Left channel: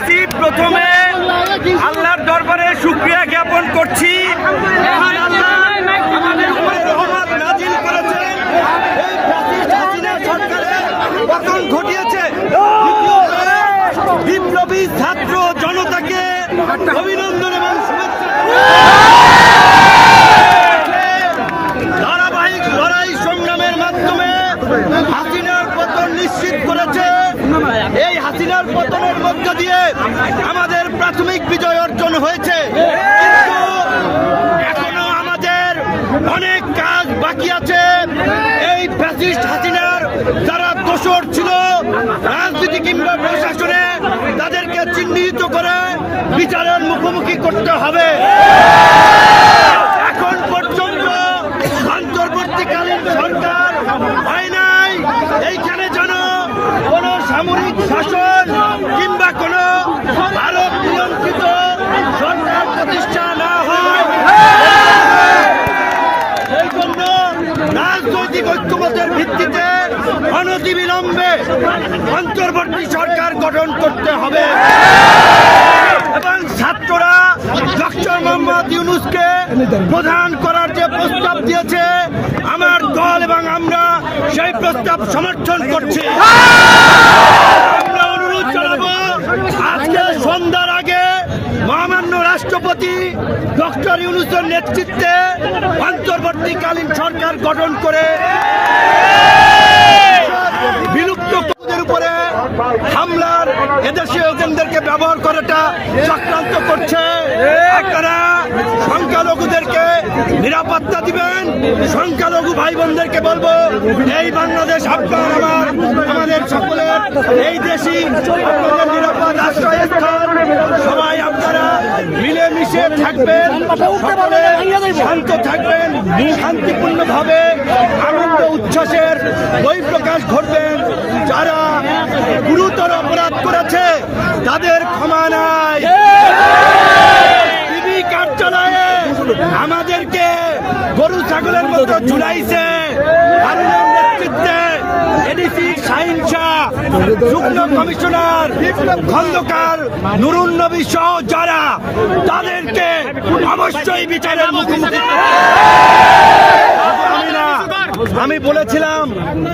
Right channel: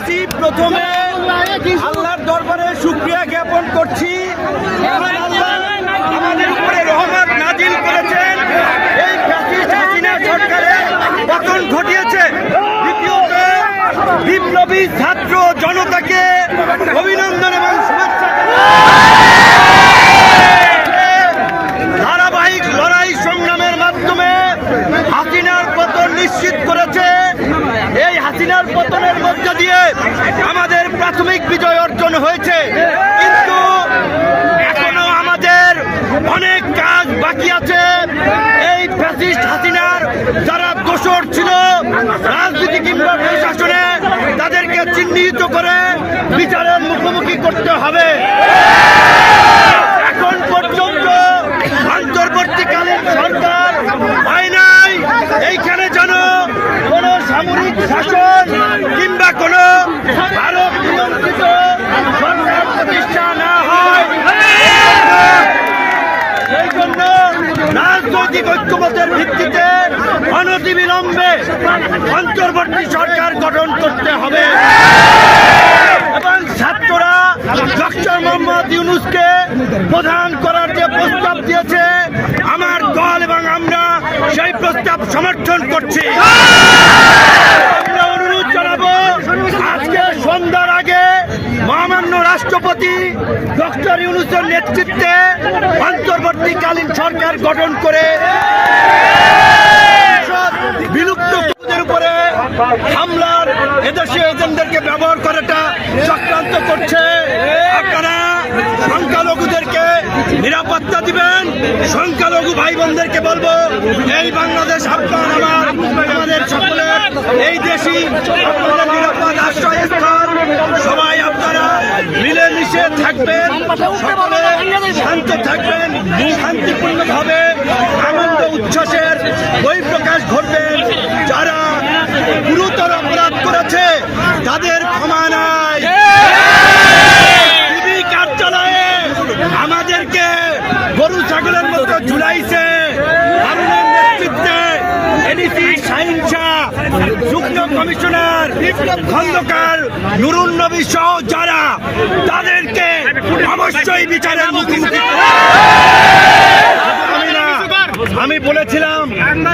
বলতেছি প্রথমে আল্লাহর দরবারে সুক্রিয়া জ্ঞাপন করছি। বিপ্লবী ছাত্র জনতাকে অভিনন্দন এবং শুভেচ্ছা ধারাবাহিক লড়াই সংগ্রামের মাধ্যমে হাসিনার পতন নিশ্চিত করেছে এই হাসিনার পতনের মধ্য দিয়ে আমাদের প্রাথমিক বিজয় অর্জন হয়েছে। কিন্তু এখনও আমাদের অনেক কাজ বাকি আছে। এই ফ্যাসিস্ট হাসিনার যারা দোষর ছিল, রাজনীতি কিংবা প্রশাসনে তাদেরকে চিহ্নিত করে বিচারের মুখোমুখি করতে হবে এখন পর্যন্ত অন্তর্বর্তীকালীন সরকার হয় নাই এইখানে যেন কোন সামরিক শাসন কিংবা কোন ভারত নিয়ন্ত্রিত সরকার প্রতিষ্ঠা না হয় এই জন্য রাজনৈতিক ঐক্যমতের ভিত্তিতে অনতিবিলম্বে অন্তর্বর্তী সরকার গঠন করতে হবে। এবং ছাত্ররা ডক্টর মোহাম্মদ ইউনুসকে প্রধান করার যে প্রস্তাব দিয়েছে, আমার দল এবং আমরা সেই প্রস্তাব সমর্থন করছি। আমরা অনুরোধ জানাব, আজকে সন্ধ্যার আগে মহামান্য রাষ্ট্রপতি ডক্টর ইউনুসের নেতৃত্বে অন্তর্বর্তীকালীন সরকার গঠন করে বিলুপ্ত কুকুরদের উপরে হামলার এদেশীয় এজেন্টদেরকে ব্যবহার করাটা চক্রান্ত করছে। আপনারা সংখ্যালঘুদেরকে নিরাপত্তা দিবেন। সংখ্যালঘু ভাই বোনদেরকে বলব, এই বাংলাদেশ আপনার আমার, আমাদের সকলের, এই আপনাদের নিরাপদ আশ্রয়স্থল সবাই আপনারা মিলেমিশে থাকবেন, সকলে শান্ত থাকবেন, শান্তিপূর্ণভাবে। উচ্ছ্বাসের বহিঃপ্রকাশ ঘটবেন যারা গুরুতর অপরাধ করেছে, তাদের ক্ষমা নাই। টিভি কার্যালয়ে আমাদেরকে গরু ছাগলের মতো ঝুলাইছে। যুগ্ম কমিশনার খন্দকার নুরুন নবী সহ যারা তাদেরকে অবশ্যই বিচারের মুখোমুখি আমি বলেছিলাম,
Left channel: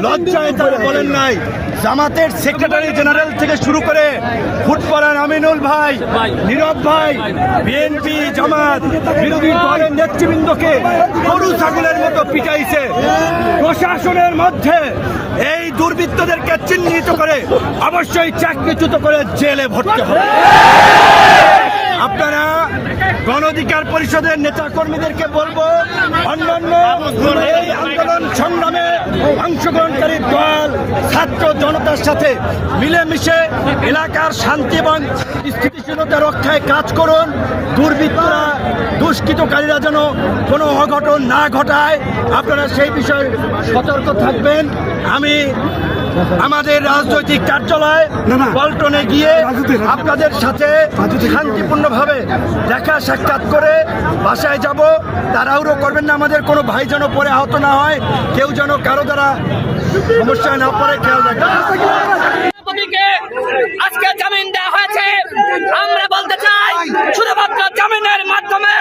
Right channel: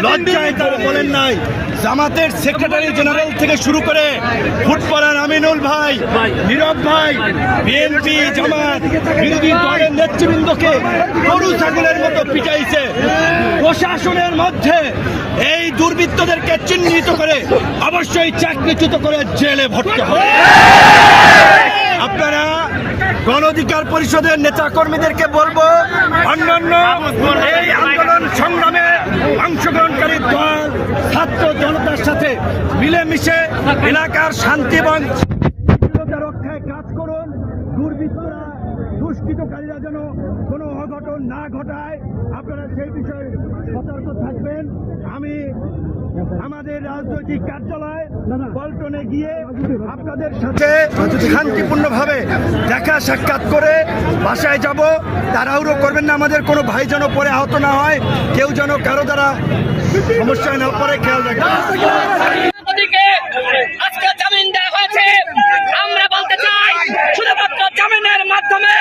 লজ্জায় তারা বলেন নাই। জামাতের সেক্রেটারি জেনারেল থেকে শুরু করে ফুটবলার আমিনুল ভাই, নীরব ভাই, বিএনপি জামাত, বিরোধী দলের নেতৃবৃন্দকে গরু ছাগলের মতো পিটাইছে। প্রশাসনের মধ্যে এই দুর্বৃত্তদেরকে চিহ্নিত করে অবশ্যই চাকরিচ্যুত করে জেলে ভর্তি হবে। আপনারা গণ অধিকার পরিষদের নেতা কর্মীদেরকে বলব, অন্যান্য এই আন্দোলন সংগ্রামে অংশগ্রহণকারী দল, ছাত্র জনতার সাথে মিলেমিশে এলাকার শান্তি এবং স্থিতিশীলতা রক্ষায় কাজ করুন। দুর্বৃত্তরা দুষ্কৃতকারীরা যেন কোনো অঘটন না ঘটায়। আপনারা সেই বিষয়ে সতর্ক থাকবেন। আমি আমাদের রাজনৈতিক কার্যালয় পল্টনে গিয়ে আপনাদের সাথে শান্তিপূর্ণভাবে দেখা সাক্ষাৎ করে বাসায় যাব। তাড়াহুড়ো করবেন না। আমাদের কোনো ভাই যেন পরে আহত না হয়। কেউ যেন কারও দ্বারা সমস্যায় না পড়ে খেয়াল রাখবেন। রাষ্ট্রপতিকে আজকে জামিন দেওয়া হয়েছে। আমরা বলতে চাই, শুধুমাত্র জামিনের মাধ্যমে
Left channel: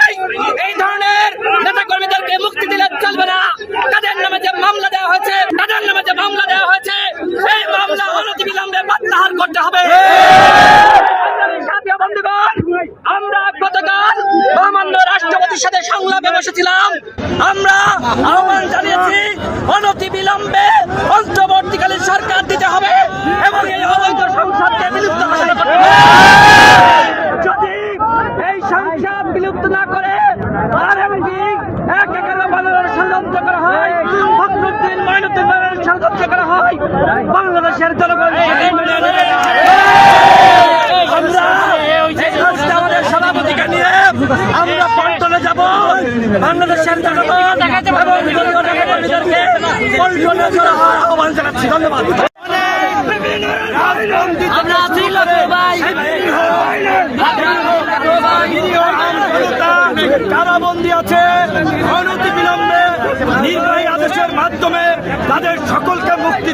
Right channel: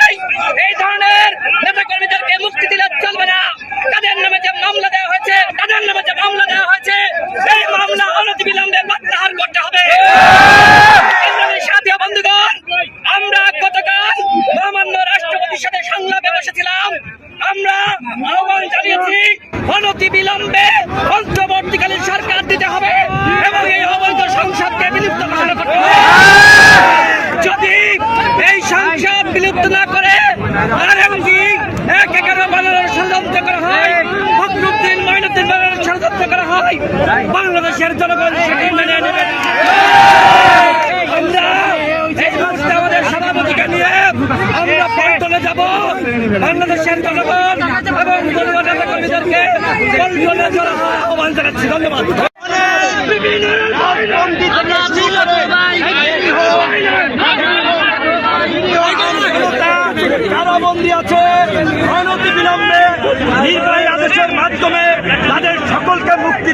এই ধরনের নেতা কর্মীদেরকে মুক্তি দিলে চলবে না। তাদের নামে যে মামলা দেওয়া হয়েছে, তাদের নামে যে মামলা দেওয়া হয়েছে এই মামলা অনতিবিলম্বে প্রত্যাহার করতে হবে। সাথী বন্ধুগণ, আমরা গতকাল মহামান্য রাষ্ট্রপতির সাথে সংলাপে বসেছিলাম। আমরা আহ্বান জানিয়েছি, অনতি বিলম্বে অন্তর্বর্তীকালীন সরকার দিতে হবে এবং এই অবৈধ সংসদকে বিলুপ্ত ঘোষণা করতে হবে। যদি এই সংসদ বিলুপ্ত না করে আর এমনকি এক এগারো বানানোর ষড়যন্ত্র করা হয়, ফখরুদ্দিন, ময়নুদ্দিন বানানোর ষড়যন্ত্র করা হয়, বাংলাদেশের জনগণ সেটি মেনে নেবে না। আমরা আমাদের সভাপতিকে নিয়ে আমরা পল্টনে যাব। বাংলাদেশের জনগণ ধন্যবাদ। কারাবন্দী আছে অনতি বিলম্বে নির্বাহী আদেশের মাধ্যমে তাদের সকলকে মুক্তি